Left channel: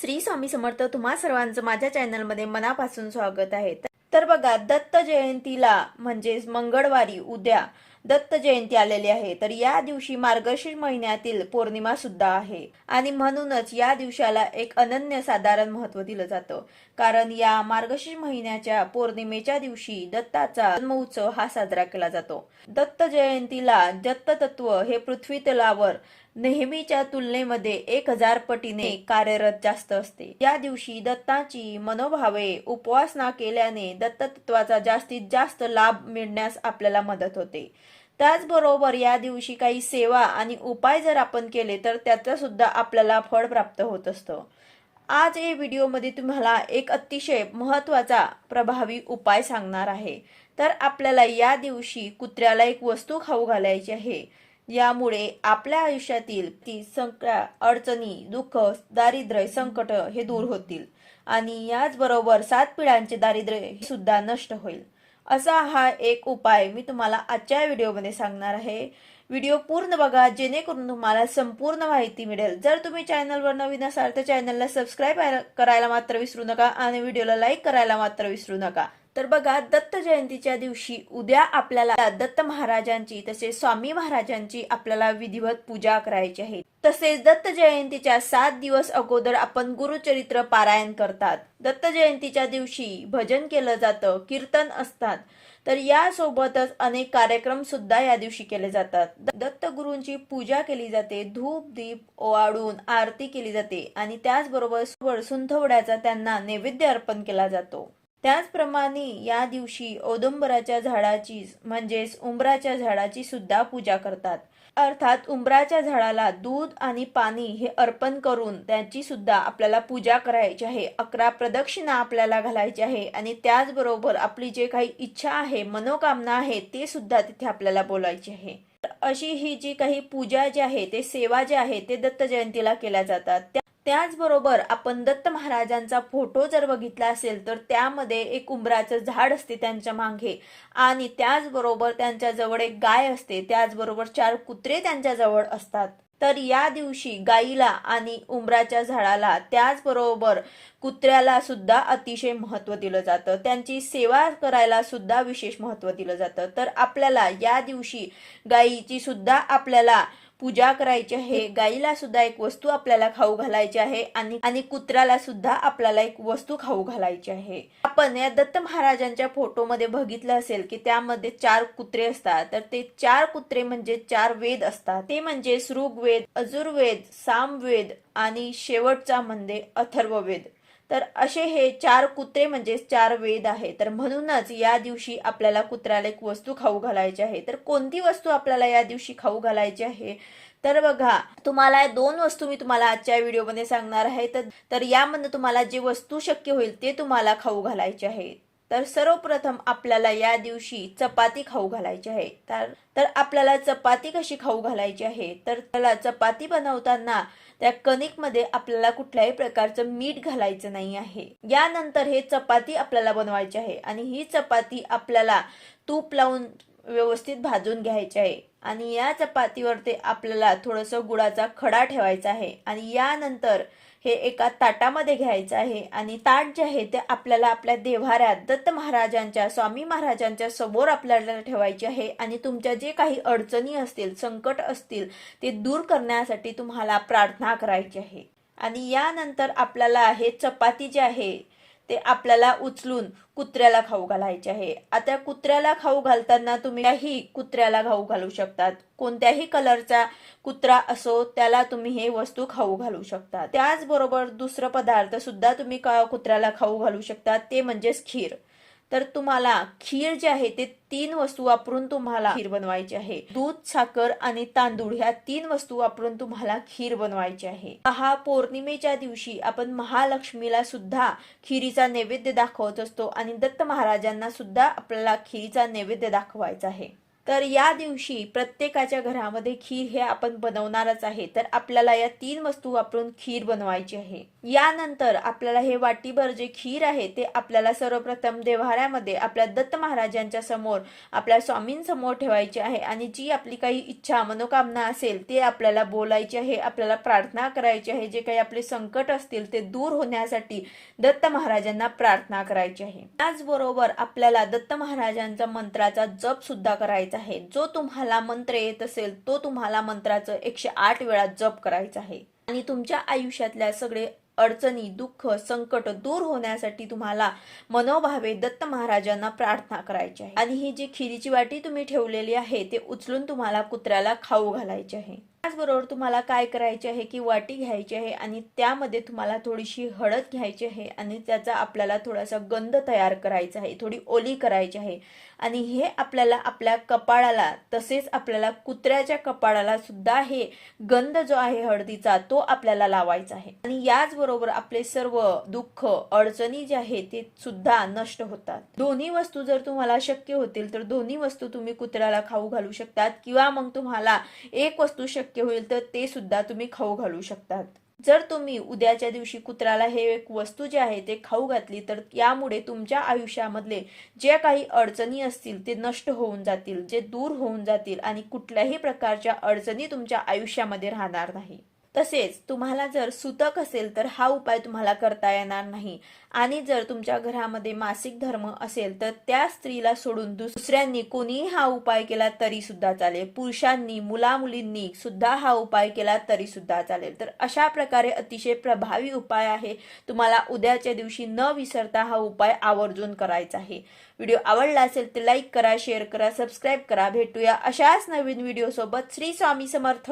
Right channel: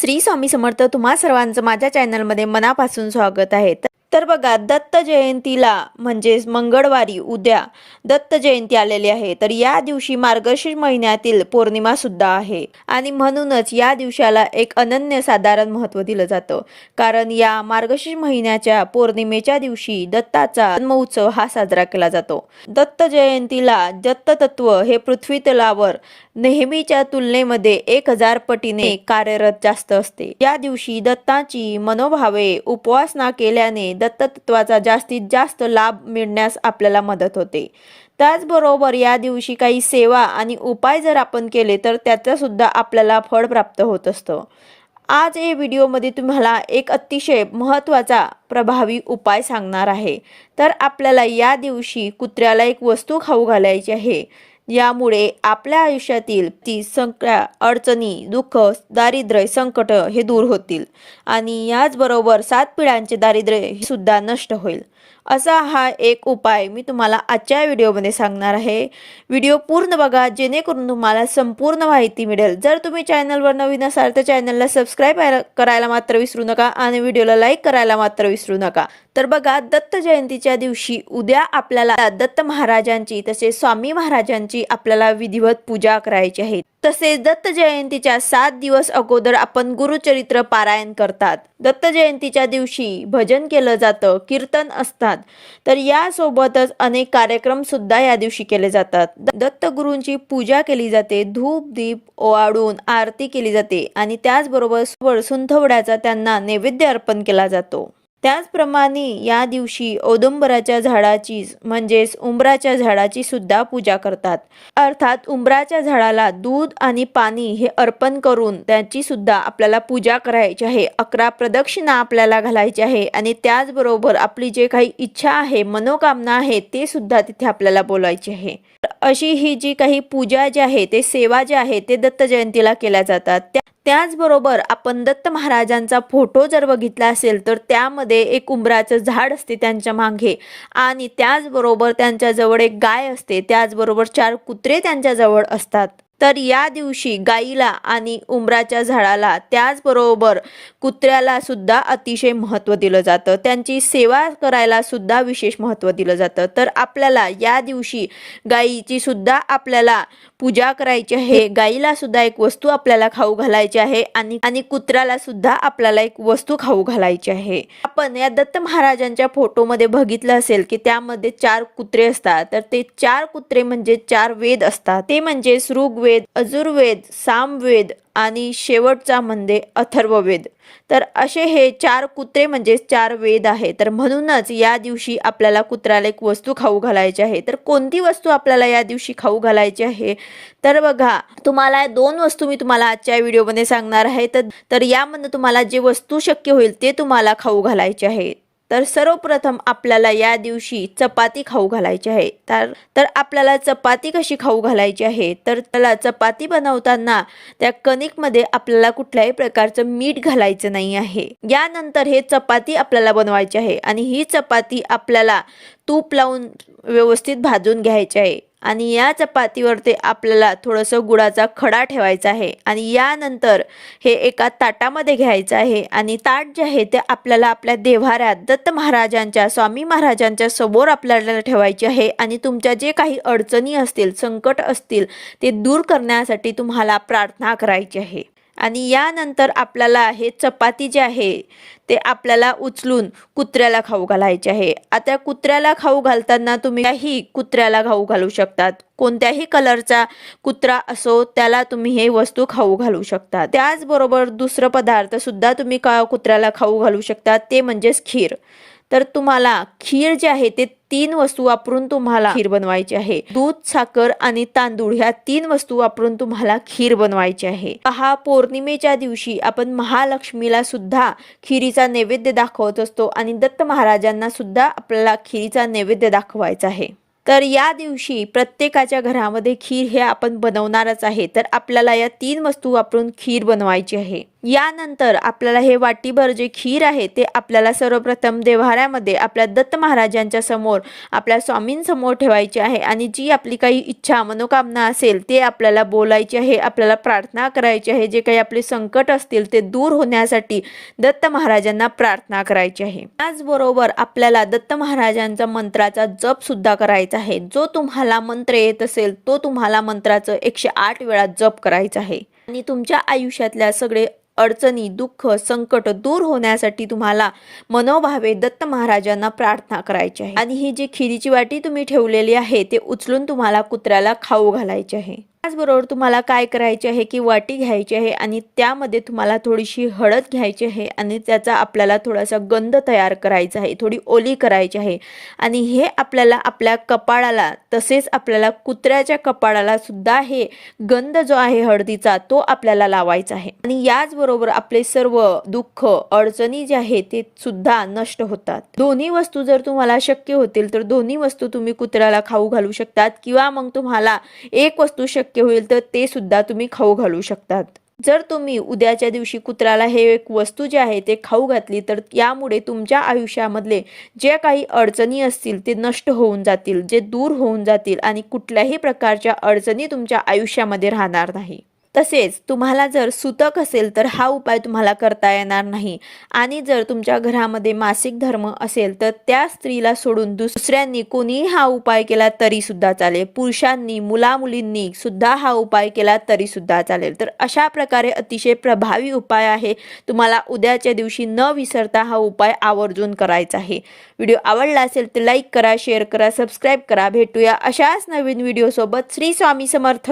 श्री स्वामी समर्थ तुम्हा सर्वांचं माझ्या चॅनलमध्ये मनापासून स्वागत आहे. तर बघा दत्त जयंतीला म्हणजेच मंगळवारी उद्या दत्त जयंती आलेली आहे. तर या दिवशी मार्गशीर्ष महिन्यातील पौर्णिमा सुद्धा आहे. आणि म्हणूनच या दिवसाला एक अनन्य साधारण महत्त्व दिलं जातं. कारण या मार्गशीर्ष महिन्याच्या पौर्णिमेच्या दिवशी दत्ताचा जन्मोत्सव हा साजरा केला जातो. दत्त जयंतीला दत्त तत्व हे पृथ्वी तलावर नेहमीच्या तुलनेमध्ये एक हजार पटीने कार्यरत जास्त असते. या दिवशी दत्ताची मनोभावे उपवासना केल्याने दत्तत्वाचा जास्तीत जास्त लाभ मिळण्यास आपल्याला मदत होते. त्याचबरोबर या दिवशी काही सेवा आणि उपाय जर आपण केले तर त्याचं सुद्धा आपल्याला फळ प्राप्त होत असतं. आज या व्हिडिओमध्ये तुम्हाला एक अतिशय महत्त्वाचा प्रभावी उपाय सांगणार आहे. तर आपल्याला या दिवशी कुत्र्याला एक वस्तू खाऊ घालायची आहे. यामुळे आपल्या आयुष्यातील ती सगळ्या अडचणी दुःख दारिद्र्य संकट हे दूर होतील. आणि याचबरोबर सात पिढ्यांचे दारिद्र्य हे सुद्धा नष्ट होईल. असा हा एक उपाय मी तुम्हाला आजच्या व्हिडिओमध्ये सांगणार आहे. व्हिडिओ पूर्ण बघा जेणेकरून तुम्हाला संपूर्ण माहिती मिळेल. जर तुम्ही चॅनलवर नवीन असाल तर चॅनलला सबस्क्राईब करायला मात्र विसरू नका आणि व्हिडिओला लाईक करायला मात्र विसरू नका. तर बघा दत्त जयंतीच्या दिवशी उद्या आपल्याला दत्त महाराजांची तसेच स्वामी महाराजांची आपल्याला विधिवत पूजा करायची आहे. तसेच दत्त जयंतीच्या सात दिवस अगोदर आपण गुरुचरित्र पारायण करतात. दत्त जयंतीच्या दिवशी भजन केलं जातं कीर्तन असतात. तर यासोबतच अनेक कार्यक्रम सुद्धा या दिवशी केले जातात. दत्तगुरूंची पूजा केली जाते धूप दीप ओवाळून आरती केली जाते आणि त्याचबरोबर सुंठवड्याचा त्यांना नैवेद्य अर्पण केला जातो. त्याचप्रमाणे या दिवशी औदुंबराच्या झाडाची म्हणजेच उंबराच्या झाडाची सुद्धा पूजा करतात. अर्थात उंबराच्या झाडाला दूध आणि पाणी हे अर्पण करून त्याची सुद्धा आपल्याला पूजा करायची आहे. अकरा प्रदक्षिणा आपल्याला घालायची आहे आणि त्याचबरोबर आपली जे काही इच्छा आहे मनोकामना आहे ते सुद्धा तिथे आपल्याला बोलायची आहे. तर अशी ही जी काही पूजा जी आहे ते सेवा जे आहे ते दत्त जयंतीला केल्या जातात. त्या त्याचबरोबर आपण दत्त महाराजांचा फोटो जर बघितला असेल तर त्यामध्ये एक उंबराचं झाड असते त्यांच्या मागे आणि त्याचबरोबर त्यांच्याजवळ एक गाय असते त्याचबरोबर चार कुत्रे त्यांच्याजवळ असतात. तर या दिवशी गाईला आणि उंबराच्या झाडाला त्याचबरोबर कुत्र्याला सुद्धा अतिशय महत्त्व दिलं जातं. त्यांची सेवा करायला सुद्धा विशेष महत्त्व दिलं जातं. तर आपल्याला या दिवशी गाईची सुद्धा आपल्याला पूजा करायची आहे. गाईला सुद्धा एक वस्तू आपल्याला खाऊ घालायची आहे आणि आणि कुत्र्याला सुद्धा आपल्याला एक वस्तू खाऊ घालायची आहे. आपण या दत्त महाराजांच्या फोटोमध्ये बघितलं असेल की त्यामध्ये चार कुत्रे असतात. तर ते चार कुत्रे म्हणजे चार वेद असतात. ते म्हणजे ऋग्वेद अजुर्वेद सामवेद आणि शेवटचा म्हणजे अथर्ववेद. तर असे हे चार कुत्रे म्हणजे चार वेद आहे तर म्हणूनच या दिवशी आपल्याला कुत्र्याला एक वस्तू खाऊ घालायची आहे. तर कोणती वस्तू आपल्याला या दिवशी खाऊ घालायची आहे? तर बघा तुम्हाला दोन वस्तू मी तुम्हाला आजच्या व्हिडिओमध्ये सांगणार आहे. तर तर यामधनं तुम्हाला जे वस्तू शक्य होईल ते तुम्हाला खाऊ घालायचे आहे. तर सर्वप्रथम आपल्याला या दिवशी चपाती खाऊ घालायची आहे. तर तर आपल्याला चपाती कशी खाऊ घालायची आहे? तर त्याला चपाती बनवताना त्या कणिकमध्ये आपल्याला कुठल्याही प्रकारचं मीठ घालायचं नाही आहे. यानंतर हे चपाती आपल्याला बनवायची आहे आणि ही चपाती आपल्याला तूप लावून व्यवस्थित भाजून घ्यायची आहे. आणि या चपातीवरती आपल्याला थोडंसं गुळाचा खडा ठेवायचा आहे. आणि यानंतर हे एका ताटामध्ये घ्यायचं आहे. आणि ताट जे आहे ते आपल्याला आपल्या देव्हाऱ्यात दत्त महाराजांच्या स्वामी महाराजांच्या समोर आपल्याला ठेवायचे आहे. आणि तुमच्या जे काही अडचणी असतील संकट असतील ते दूर करण्यासाठी तुम्हाला प्रार्थना करायची आहे. आणि यानंतर आपल्याला हे चपाती जे आहे ते आपल्याला उचलून कुत्र्याला खाऊ घालायचे आहे. आता कुत्र्याला खाऊ घालताना तुम्ही कुत्र्याला खाऊ घालू शकतात. कोणत्याही कलरचा कुत्रा असो त्याला तुम्ही हे वस्तू खाऊ घालू शकता. त्याचबरोबर दुसरं पदार्थ सुद्धा तुम्ही का कुत्र्याला खाऊ घालू शकता ते म्हणजेच खीर. तर तुम्हाला खीर जे आहे ते तीन वस्तू वापरून तुम्हाला खीर बनवायची आहे. दूध साखर आणि तांदूळ ह्या तीन वस्तू वापरून तुम्हाला खीर बनवायची आहे. हा पौर्णिमेच्या दिवशी आपण महालक्ष्मीला सुद्धा खिरीचा नैवेद्य दाखवत असतो आणि दत्त महाराजांना सुद्धा आपल्याला खिरीचा नैवेद्य दाखवायचा आहे. तर या दिवशी प्रत्येकाच्या घरामध्ये खीर हे आपण बनवणारच आहे. तर आपल्याला या तीन वस्तू वापरून खीर बनवायची आहे. यानंतर आपल्याला हे वाटीभर जे खीर आहे ते आपल्याला सर्वप्रथम देव्हाऱ्यामध्ये आपल्या दत्त महाराजांच्या समोर आपल्या स्वामींसमोर ठेवायची आहे आणि जी आपली काही इच्छा मनोकामना असेल ते आपल्याला बोलायची आहे आपल्याला प्रार्थना करायची आहे. जे काही आपले संकट असतील ते दूर होण्यासाठी दत्त महाराजांना प्रार्थना करायची आहे. त्याचबरोबर आपल्याला दत्त महाराजांचा मंत्राचा जप सुद्धा करायचा आहे. जो तुम्हाला मंत्र येत असेल तो तुम्हाला मंत्राचं एकशे आठ वेळा जप करायचा आहे. आणि तुमच्या आयुष्यातल्या सगळे अडचणी दुःख संकट दूर होण्यासाठी तुम्हाला मनोभावे दत्त महाराजांना प्रार्थना करायची आहे. आणि ही जी खिरीची वाटी तुम्ही ठेवलेली आहे ते उचलून तुम्हाला कुत्र्याला खाऊ घालायचे आहे. त्याचबरोबर तुम्हाला काय करायचे आहे की वाटी घ्यायची आहे आणि त्यामध्ये तुम्हाला थोडीशी हळद घ्यायची आहे आणि त्याचा आपल्याला थोडासा गंध तयार करायचा आहे थोडी ओली करायची आहे. आणि हे आपल्याला आपल्या कपाळाला तसेच आपल्याला कुत्र्याच्या कपाळाला सुद्धा हे गंध जो आहे हळदीचा तो आपल्याला लावायचा आहे. आणि याचबरोबर आपले सर्व दुःख अडचणी जे आहे ते सुद्धा नष्ट होतात. दोन्ही वस्तू जर तुम्हाला शक्य होतील तर दोन्ही वस्तू तुम्ही कुत्र्याला खाऊ घालू शकतात किंवा मग तुम्हाला एक वस्तू शक्य होईल तर ते सुद्धा तुम्ही खाऊ घालू शकतात. जर तुम्ही उद्याच्या दिवशी कुत्र्याला हे एक वस्तू जे आहे ते खाऊ घातली तर यामुळे तुमच्या आयुष्यामधले जे काही अडचणी असतील ते नष्ट होऊन जातील जे दूर होऊन जातील आणि कुठल्याही प्रकारच्या अडचणी तुमच्या आयुष्यामध्ये राहणार नाही. तसेच तुम्हाला जर सुतक असेल तर हा उपाय तुम्हाला करता येणार नाही. आणि जर तुमच्या घरामध्ये मासिक धर्म असेल तर त्या स्त्रीला सोडून दुसऱ्यांनी कोणीही हा उपाय केला तरी सुद्धा चालेल. पुरुषांनी मुलामुलींनी सुद्धा हा उपाय केला तरी सुद्धा चालेल. तर अशा प्रकारे अतिशय प्रभावी उपाय आहे. तुम्हाला उद्याच्या दिवशी न विसरता हा उपाय आवर्जून करायचा आहे. व्हिडिओ आवडला असेल तर लाईक करा शेअर करा सबस्क्राईब करा. भेटूया अशाच नवीन व्हिडिओसोबत. श्री स्वामी समर्थ.